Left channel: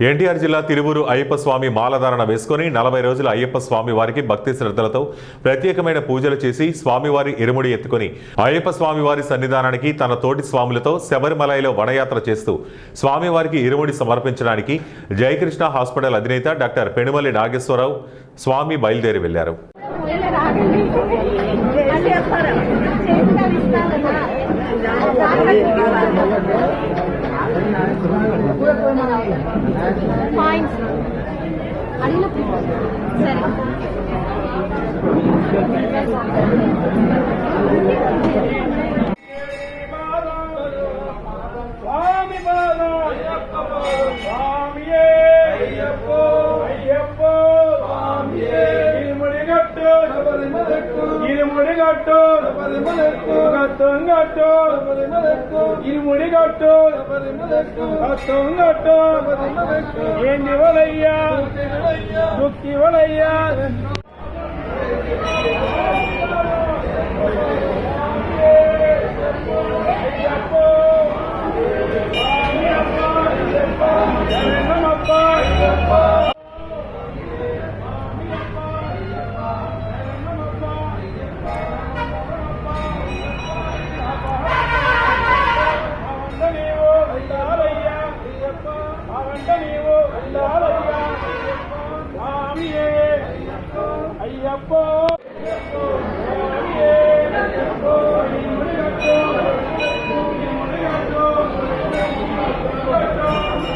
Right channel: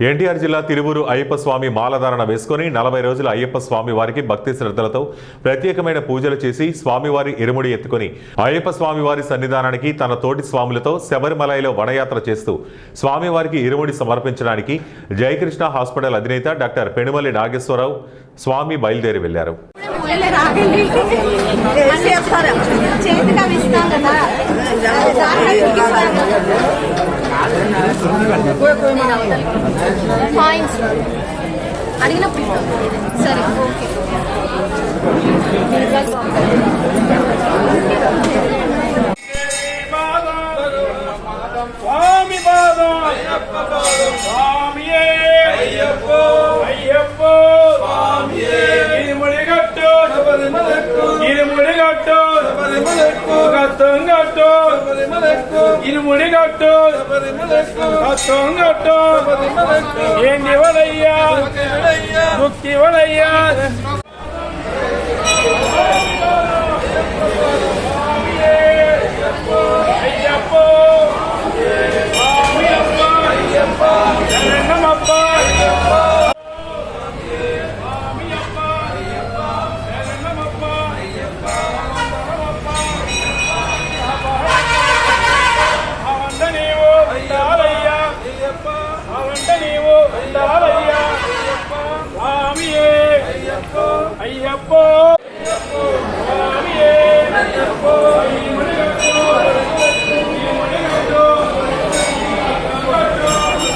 ఎన్టీఆర్ జిల్లా తిరువూరు అయ్యప్ప స్వామి మాలధారణ వేసుకుని 40 రోజుల అయ్యప్ప స్వామి వారికి భక్తి శ్రద్ధలతో ప్రత్యేకమైన పూజలు చేసి స్వామివారి ఇరుముడి ఎత్తుకుని అయ్యప్ప స్వామివారి సన్నిధానానికి తన తోటి స్వాములతో శబరిమలలో వనయాత్ర చేస్తూ స్వామివారికి ఇరుముడి సమర్పించడానికి జయకృష్ణ హాస్పిటల్ అధినేత డాక్టర్ పెనుమల్లి నాగేశ్వరరావు స్వామి బయలుదేరి వెళ్లారు. అయ్యప్ప